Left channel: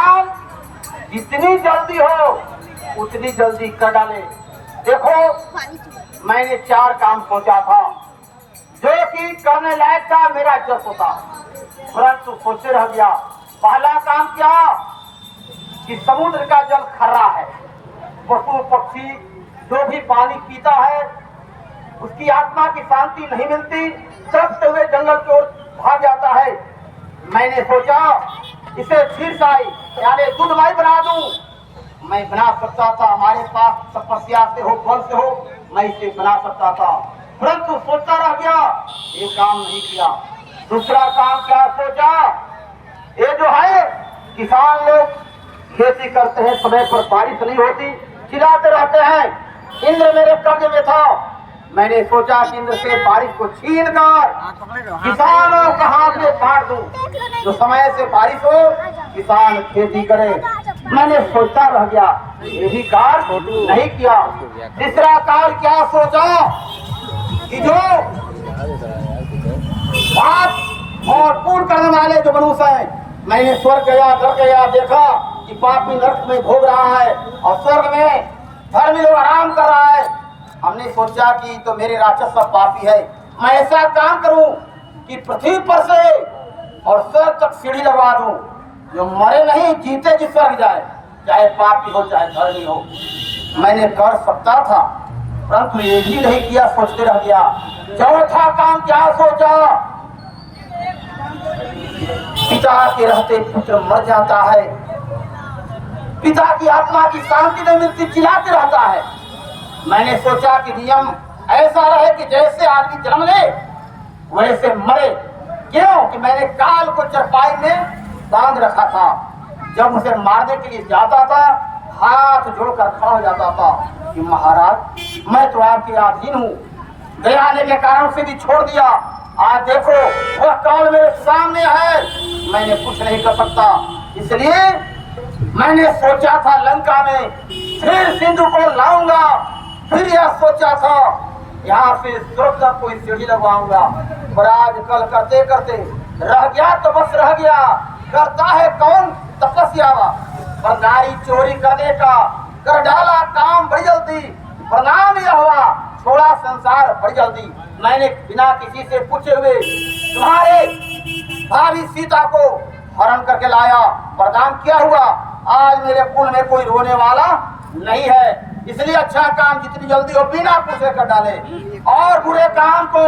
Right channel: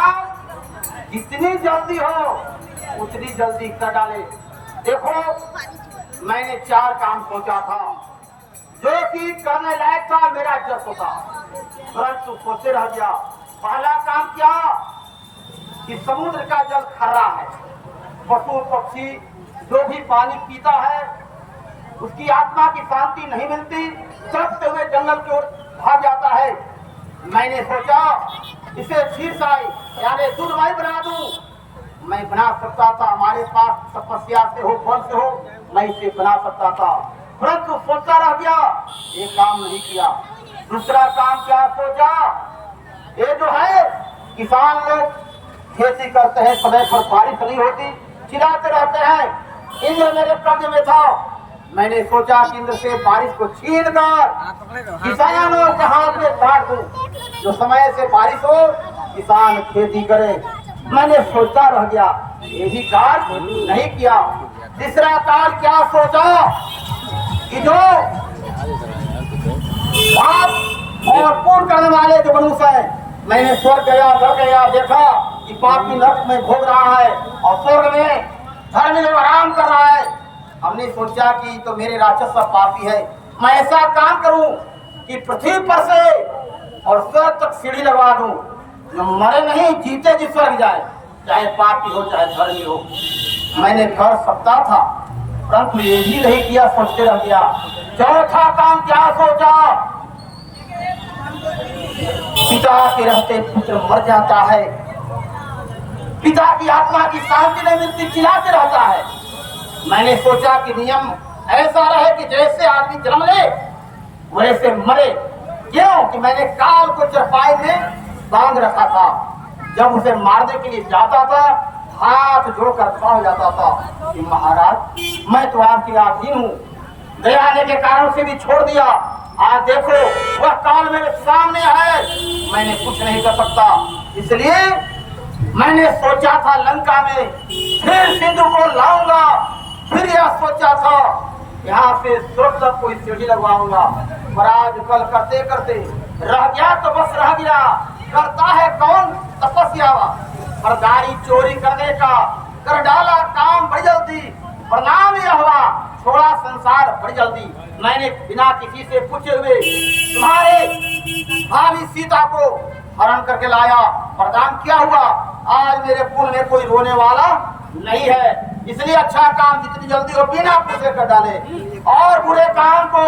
काम जितनी जल्दी हो उतनी जल्दी कर डाले। देखो मैंने 4 काम सोचा था जो कि करने लायक था, मेरा जस होता, परंतु सोचे रह गया। पहला काम क्या कि समुद्र का जल खर्रा है, पशु पक्षी जो भी पानी पीता है उसकी आत्मा की शांति नहीं मिलती, चलते हुए जंगल की ओर भाग जाता है। मैंने सोचा इसे क्षीरसाई यानी दूधमय बना दूं। मैं बना सकता था, हमारे पास तपस्या से हो, बल से हो, मैं इसे बना सकता था, परंतु सोचता रह गया, ये काम नहीं किया। दूसरा काम क्या सोचा, ये जो है किसान लोग खेती करते हैं, समय पर बारिश नहीं होती, चिल्लाते रहते हैं इंद्र मेरे कब्जे में था। मैंने सोचा कि इंद्र से बारिश को छीन कर किसानों के हाथ में काट दूं, जो समय से बारिश हो किसान खेती करे। मैंने सोचता रह गया, यही कार्य नहीं किया। तीसरा कार्य क्या सोचा कि जो पाप और पूर्ण करने वाले जो मनुष्य है, मैंने स्वर्ग गया, नरक गया, देखा कि पापी नरक में भोग रहा है और स्वर्ग में धर्मी लोग आराम कर रहा है। हमने सोचा कि तो मेरे राक्षस सब पापी है, मैं ऐसा काम करूं कि पृथ्वी पर से और स्वर्ग तक सीढ़ी लगवा दूं, जो मरे नहीं जीते जी स्वर्ग जाए, चाहे पापी हो चाहे धर्मी हो। मैंने कर सकता था, परंतु ये भी नहीं किया, सोचते रह गया। चौथा काम क्या सोचा, पिता के रहते पुत्र मर जाता है, पिता की आत्मा की शांति नहीं मिलती, चिल्लाते रहता है। मैंने सोचा कि नियम ऐसा रहे कि जैसे आदमी जन्म ले वैसे मरे। क्यों कि मैंने काल को चरपाई में बांध रखा था, जब उसे मारने के लिए जाता था हाथ जोड़कर खड़ा हो जाता था कि महाराज मैं तो आपके अधीन हूँ, दया आने के कारण से भी छोड़ दिया, आज देखो वह काल मेरे सामने है, मैंने कुछ नहीं कर सकता। इसलिए मैंने सोचा था लंका में फिर सिंधु को लाऊंगा, फिर यह सोचा था यहाँ से स्वर्ग तक कोई सीढ़ी लगवाऊंगा, पर आज कल करते करते रह गया तो बस रह गया। करता है कौन तपस्या, पर गाड़ी चोरी करने का कर डाला काम बड़ी जल्दी, प्रणाम यह हुआ थोड़ा संसार बड़ी जल्दी। मैंने बिना किसी से पूछे हुए तुम्हारे भाभी सीता को हरण करके लाया, प्रदान किया हुआ, आज मेरे कुल में कोई रोने वाला नहीं है। इसलिए अच्छा काम जितनी जल्दी हो बिना पूछे कर डाले, और बुरे काम को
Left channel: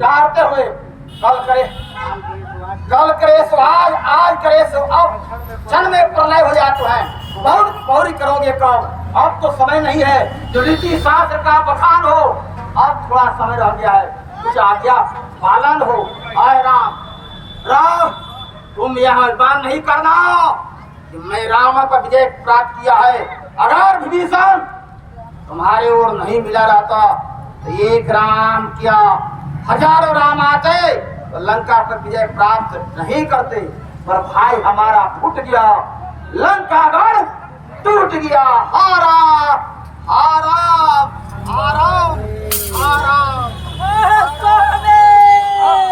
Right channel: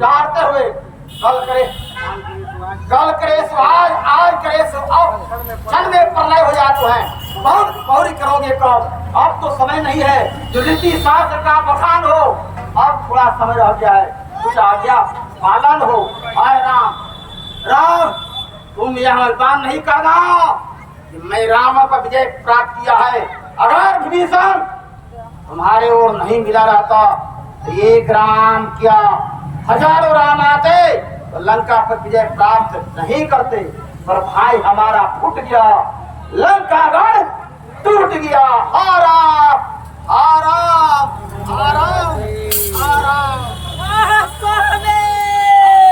टालते हुए कल करे सो आज करे सो अब, क्षण में प्रलय हो जाते हैं। बहुत पौरी करोगे कब, अब तो समय नहीं है जो रीति शास्त्र का बखान हो, अब थोड़ा समय रह गया है, कुछ आज्ञा पालन हो। आए राम राम तुम यह बात नहीं करना कि मैं रावण पर विजय प्राप्त किया है। अगर विभीषण तुम्हारे ओर नहीं मिला रहता तो 1 राम क्या हजारों राम आते तो लंका पर विजय प्राप्त नहीं करते, पर भाई हमारा फूट गया, लंका गढ़ टूट गया। आराम आराम आराम आराम।